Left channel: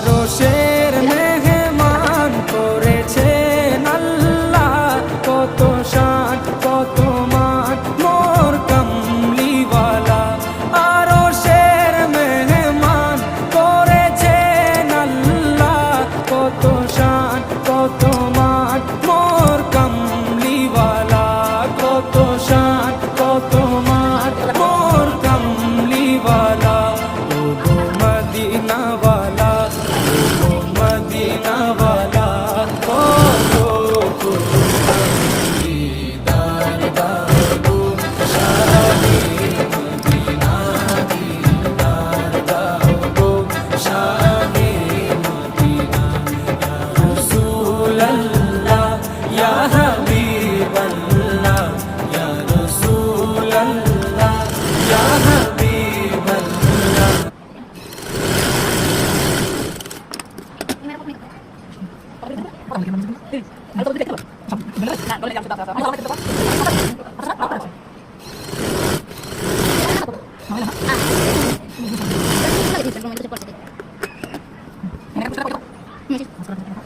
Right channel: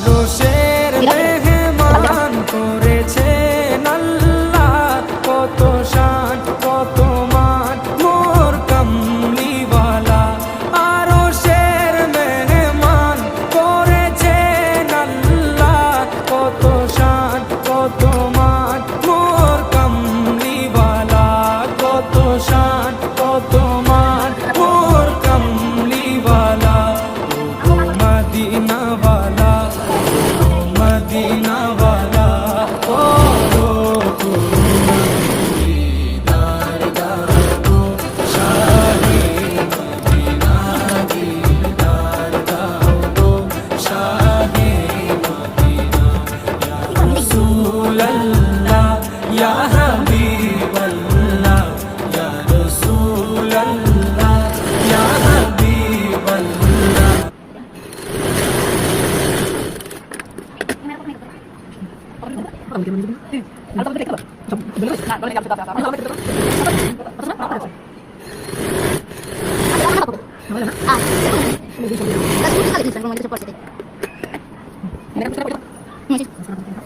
আরশের মেহমান করেছেন আল্লাহ, কত শান কত মান মোর কামলিওয়ালা। আরশের মেহমান করেছেন আল্লাহ, কত শান কত মান মোর কামলিওয়ালা, কত শান কত মান মোর কামলিওয়ালা। ও গো মদিনাওয়ালা, ও গো মদিনাওয়ালা, ও গো করুণা দিদার দাও গো শাহে মদিনা, দিদার দাও গো শাহে মদিনা। ইয়া রাসূলাল্লাহ ইয়া হাবিবাল্লাহ, ইয়া রাসূলাল্লাহ ইয়া হাবিবাল্লাহ। Ah,